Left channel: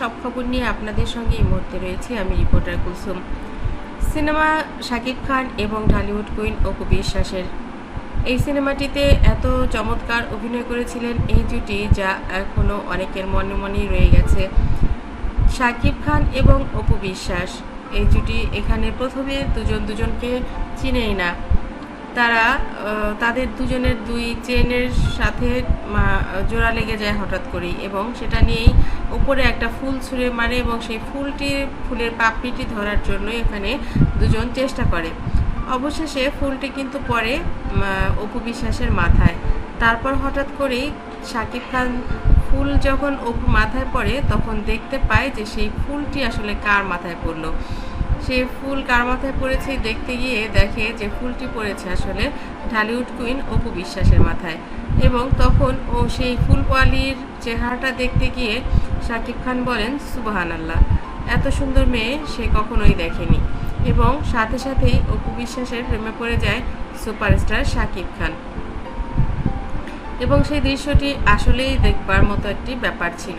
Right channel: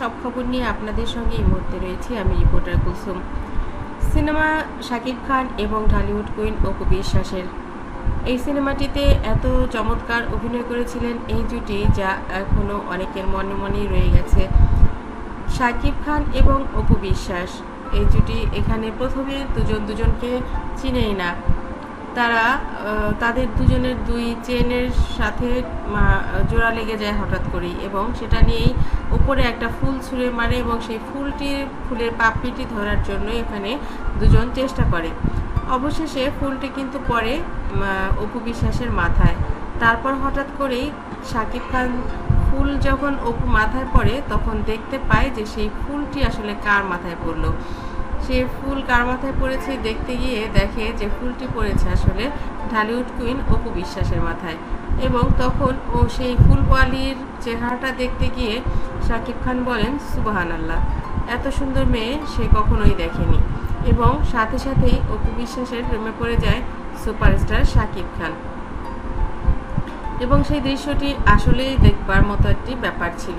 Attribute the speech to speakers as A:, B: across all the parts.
A: সব খবর নিয়ে আপনাদের সঙ্গে এই মুহূর্তে রয়েছি, আমি রিপোর্টার কুলসুম। সিনেমা শাকিব খান এবং ঢালিউড কুইন অপু বিশ্বাসের। এই সিনেমাটিতে এত চমৎকার অভিনয় করেছিলেন এই জুটি যা এখনও অনেকের মনে মনেই রয়ে গেছে। শাকিব খান এবং অপু বিশ্বাস, এই জুটি এখানে প্রথমে দুজন দুজনকে চিনেই না। তারা তাদের দুজনের দুই চেনের সাথে জোড়া লেগে যায় হঠাৎ করেই এবং সেটা নিয়েই উপরে একটা ফুল ছুঁড়ে মারে এবং সেই ফুলটি, ফুলের পাপড়িটি ধরার জন্য এখানে দুজন চেষ্টা করে। অবশেষে ফুলটি কিন্তু পরে অপু বিশ্বাসের মাথায়। তারপর হঠাৎ করেই শাকিব খান ফুল যখন অপু মাথায় পড়ে, তখন দেখতে পায় যে সেই ফুলটি আসলে কার মাথায় পড়ল। সে ফুল কার মাথায় পড়েছে দেখতে গিয়ে দেখে যে ফুলটি পড়েছে আসলে ঢালিউড কুইন অপু বিশ্বাসের মাথায়। এবং তখন ও সেই ফুলওয়ালির চেহারাটা দেখতে গিয়ে শাকিব খান বলেন সুবাহান আল্লাহ এত সুন্দর মেয়ে সে কখনোই দেখেনি। এবং সাথে সাথেই অপু বিশ্বাসের প্রেমে পড়ে যায় সুপারস্টার শাকিব খান। এবং সেই দৃশ্যটি আসলেই দেখবার মতো একটি ব্যাপার ছিল।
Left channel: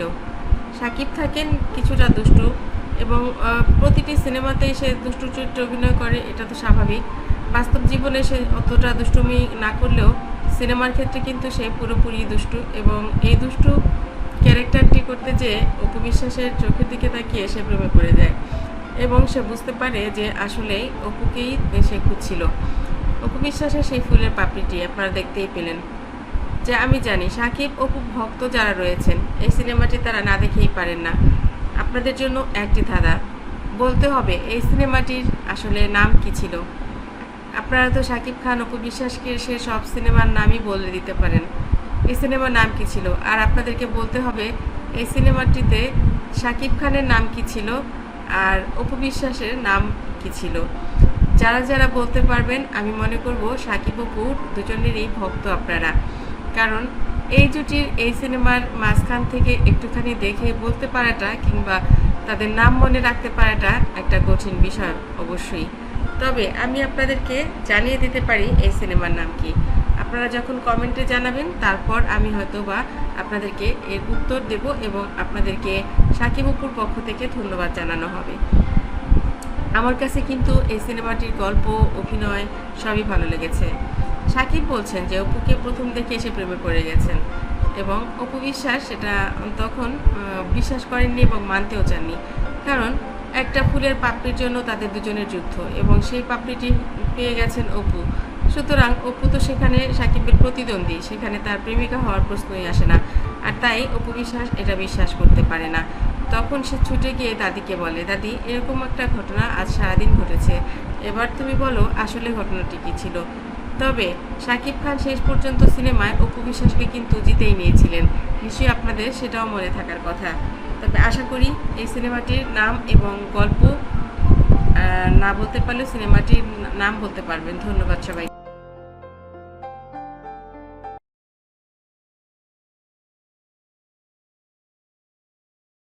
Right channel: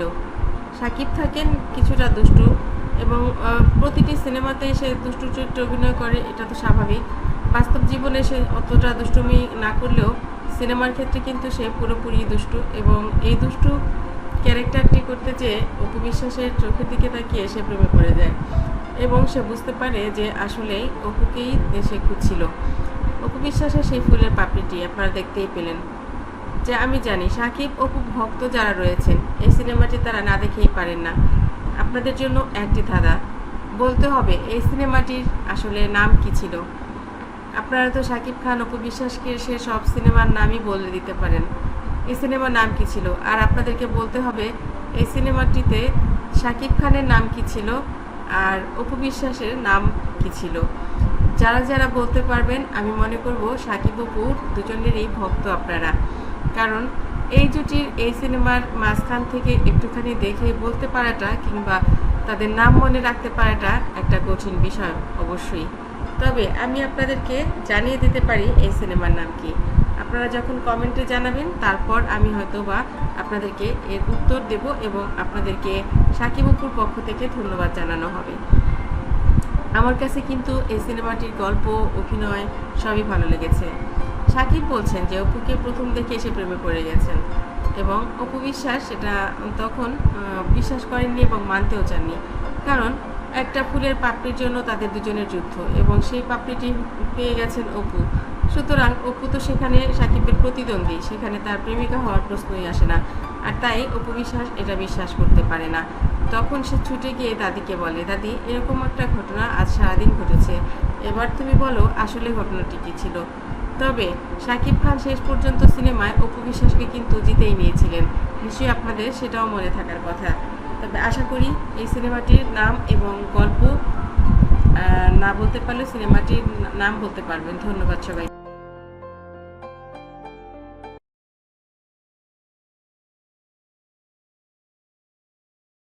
A: সাকিব থাকেন কিছুটা দুষ্টু এবং প্রতিটি সিনেমাতেই সে দুষ্টু চরিত্রে অভিনয় করে, এটা তো স্বাভাবিক। বাস্তব জীবনে সে অতটা দুষ্টুমি না করলেও সিনেমার ক্ষেত্রে কিন্তু সে পুরোপুরি দুষ্টু এবং এই দুষ্টু ক্যারেক্টারটি করতে যেয়ে অপু বিশ্বাসের চোখের দিকে তাকিয়ে সে প্রেমে পড়ে যায় এবং সে বুঝতে পারে যে আসলেই অপুকেই সে খুঁজছিল। অপু বিশ্বাসের সেই ফুলের পাপড়িটি আপনারা দেখতেই পেলেন। যে আমি জানি সাকিব, অপু ভক্ত যারা রয়েছেন, এই সিনেমাটি তারা না দেখেই পারেন না। আপনাদের জন্য একটি ধাঁধা। বলতে হবে, এই সিনেমাটির আসলে নাম কি ছিল? আপনারা তো সাকিব খান, অপু বিশ্বাসকে সে সব সিনেমার নামই বলে দিতে পারেন। এই সিনেমার নাম কি ছিল? আর আপনাদেরকে বলতে হবে, এই সিনেমাটিতে সাকিব খানের নাম কি ছিল? আর অপু বিশ্বাসের নাম কি ছিল? যারা যারা বলতে পারবেন, আমি মনে করব সাকিব, অপুর দুজনেরই ভক্ত আপনারা। কারণ এই জুটির এই সিনেমার মাঝখান থেকে একটুখানি দেখে বলতে পারাটা কিংবা তাদের নাম মনে রাখতে পারাটা একটা কঠিন বিষয় অবশ্যই। তবে আমি আপনাদেরকে জানিয়ে দিতে পারি এই সিনেমার নাম কি। আপনারা যখন কমেন্টে জানাবেন, তারপর আমি হয়তো বা আপনাদেরকে এর উত্তর দেব এবং আপনাদেরকে সাকিব অপুর পক্ষ থেকে ধন্যবাদ জানানো হবে। আমার কাছে কিন্তু এই সিনেমাটির গল্প, অভিনয় সবই ভালো লেগেছে। সাকিব বলছেন যে অপুকে প্রথম দেখে এসে প্রেমে পড়ে গেছেন এবং অপু বিশ্বাস সেটা তখন বিশ্বাস করেননি এবং মানতেও চাননি। কারণ একটা ফুলের পাপড়ির জন্য তাদের দুজনের যুদ্ধ এবং সেই পাপড়িটি পেয়ে গেছেন অপু। সুতরাং অপু তো সেখানে সাকিবের প্রতিদ্বন্দ্বী, সেখানে তার প্রেমিকা হওয়ার প্রশ্নই আসে না। আর তাই অপু বিশ্বাস এটা বিশ্বাস করতে পারে না। তখন সে ছুটে গিয়ে দাদিকে বলে, দাদি, এরকম একটা ঘটনা আজ সারাদিন ঘটেছে। এবার তুমি বলো আসলে ঘটনাটি কী ছিল? তবে শাকিব খান শেষ পর্যন্ত সিনেমায় অপু বিশ্বাসকে কিন্তু জিতেই নিয়েছিলেন। নিশ্চয়ই আপনাদের সেটাও মনে থাকার কথা। তবে আশা করি এই সিনেমাটির নাম এবং গল্প না বলতে পারলে সিনেমাটির নাম বলতে পারবেন। ধন্যবাদ সবাই